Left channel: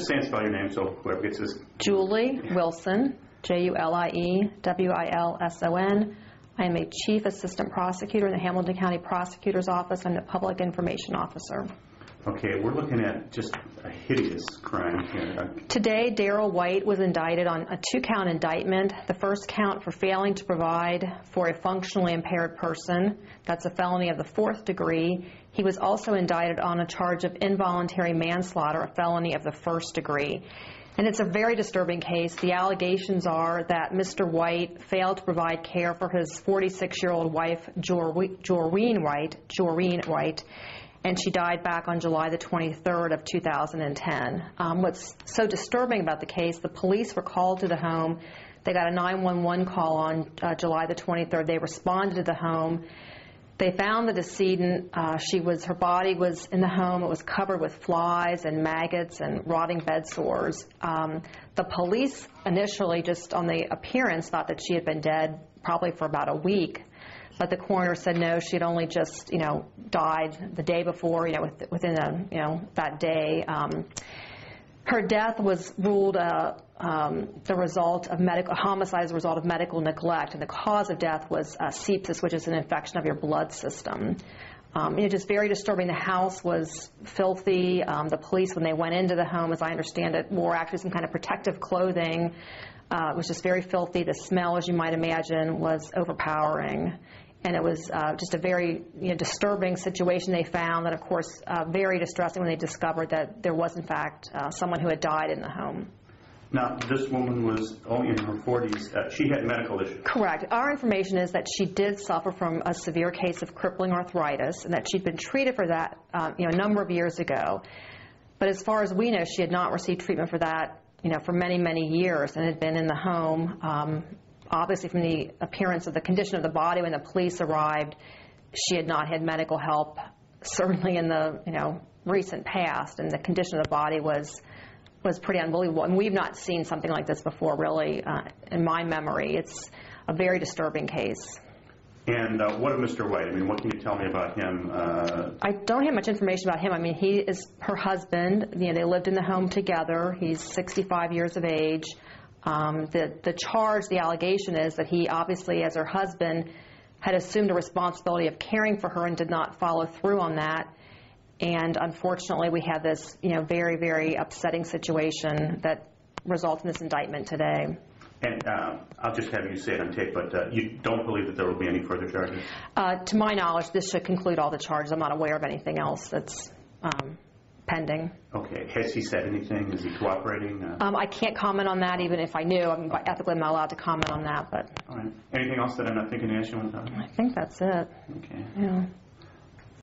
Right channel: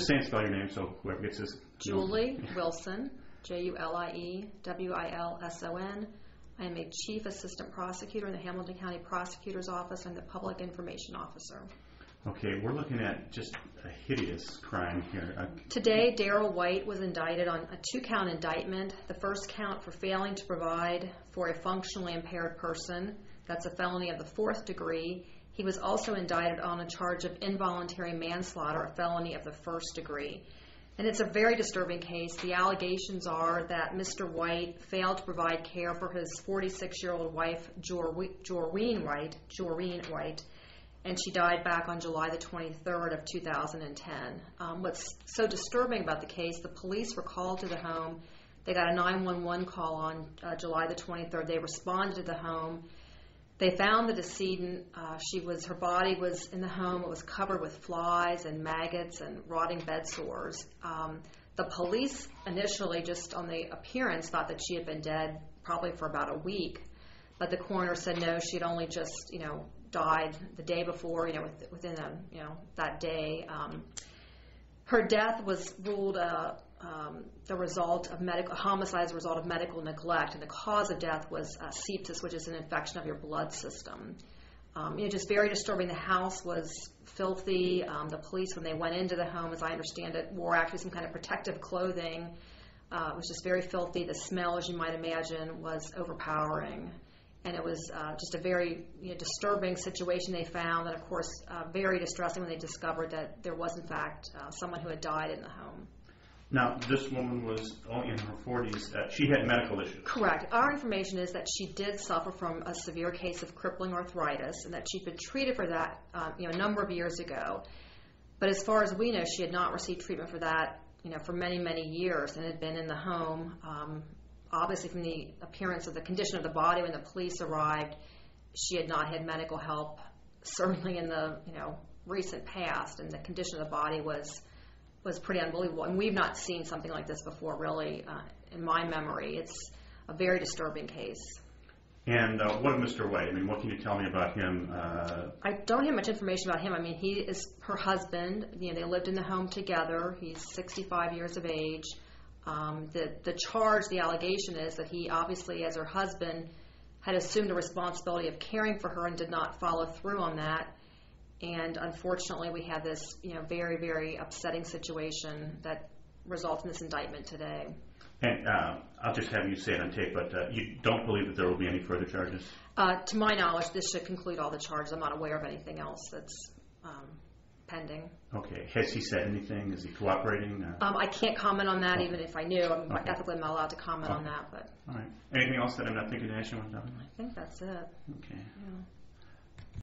Just say and spell your name so whoever gets this. Julie Wilson, Juliewilson. I am a Chief Assistant Prosecutor in the Hamilton County Prosecutor's Office. I'm the Public Information Officer. Okay, we're looking at just a hideous crime here. Today, Darrell White was indicted on a 2-count indictment. The first count for failing to provide for a functionally impaired person. That's a felony of the 4th degree. He was also indicted on a charge of involuntary manslaughter, a felony of the 1st degree. And it's a very disturbing case. The allegations are that Mr. White failed to provide care for his 46-year-old wife, Jorene White, and she died back on July the 23rd of 2010. What's so disturbing about the case, the police were called to the home. They got a 911 call on July the 23rd. They responded to the home. They found the decedent. Her body was in the home. It was covered with flies and maggots and rotting bed sores. The police initially, just on the appearance, thought that she had been dead probably for about a week. But the coroner said no, she had only just, died the day before, within that day. Her death was ruled the result of homicide as a result of medical neglect, and the cause of death was sepsis, which is an infection of your blood system. Just very disturbing. The house was filthy. The police, when they went into the home, as I understand it, wore actually some kind of protective clothing. It was just very filthy. The smell, as you might imagine, was overpowering. And it was just a very disturbing situation they found, and of course very distressing when they discovered that there was in fact someone who had died in the home. Now, this woman was only in her 40s. She had medical issues. Correct. Our information is that she did suffer from a severe case of crippling arthritis, and that she'd been treated for that a number of years ago. But as far as we know, she had not received treatment for that for many, many years, and had been in the home. Obviously, from the appearance of the condition of the body when the police arrived, she had not had medical help, certainly in the recent past, and the condition of the body was pretty unbelievable. And we've not seen something like this before, really, in my memory. It's a very disturbing case. And what of Mr. White? What can you tell me about him? I don't have much information about him. He is her husband. They lived in the home together. He's 65 years of age. The charge, the allegation is that he obviously, as her husband, had assumed a responsibility of caring for her and did not follow through on that. And unfortunately, we had this, very, very upsetting situation that resulted in this indictment today. And I'll just have you say it on tape, but you don't believe that there will be any further charges? To my knowledge, this should conclude all the charges. I'm not aware of anything else that's pending. Okay. Has he said anything? Is he cooperating? I can't comment on that, even if I knew. Ethically, I'm not allowed to comment on that. But all right. Anything else that I'm not thinking to ask you on time? I think that's it. Okay. Yeah.